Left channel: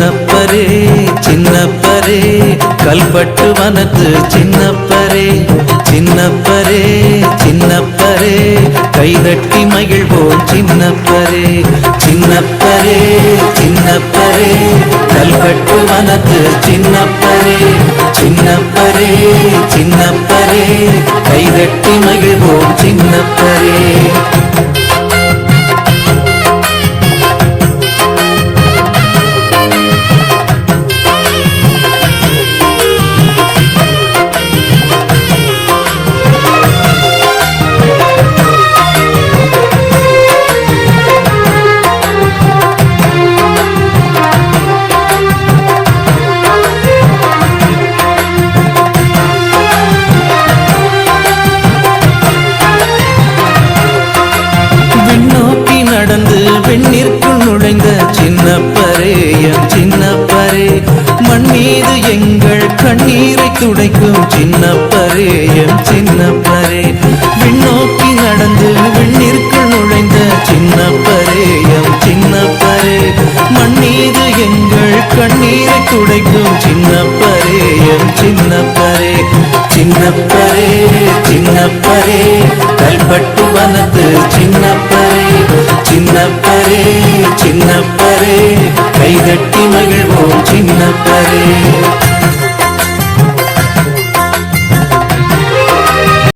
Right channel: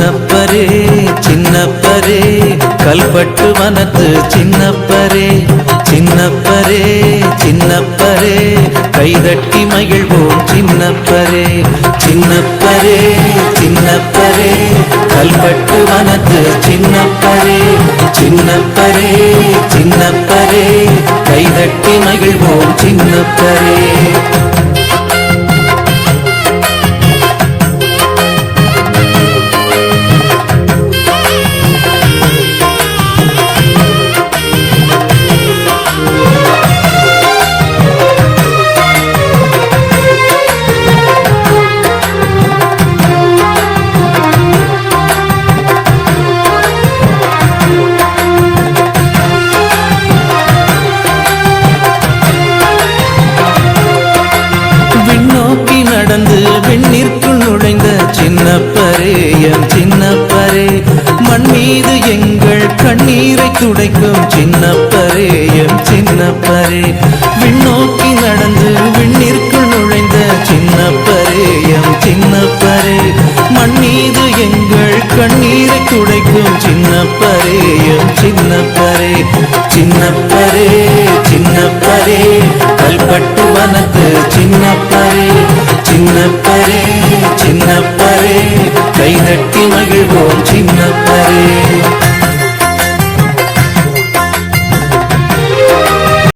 சின்னப்பரே சின்னப்பரே கல்பட்டு வனத்து சின்னப்பரே சின்னப்பரே சின்னப்பரே கைதட்டி மகிழ்வோம் சின்னப்பரே சின்னப்பரே சின்னப்பரே கல்பட்டு வனத்து சின்னப்பரே சின்னப்பரே சின்னப்பரே கைதட்டி மகிழ்வோம் சின்னப்பரே விண்ணோக்கி நடந்து விண்ணிற்குள் நுழைந்த சின்னப்பரே எம் சின்னப்பரே மண் மீது எங்கள் கண்ணீரை துடைக்கும் சின்னப்பரே எம் சின்னப்பரே விண்ணோக்கி நடந்து விண்ணிற்குள் நுழைந்த சின்னப்பரே எம் சின்னப்பரே மண் மீது எங்கள் கண்ணீரை துடைக்கும் சின்னப்பரே எம் சின்னப்பரே சின்னப்பரே சின்னப்பரே கல்பட்டு வனத்து சின்னப்பரே சின்னப்பரே சின்னப்பரே கைதட்டி மகிழ்வோம் சின்னப்பரே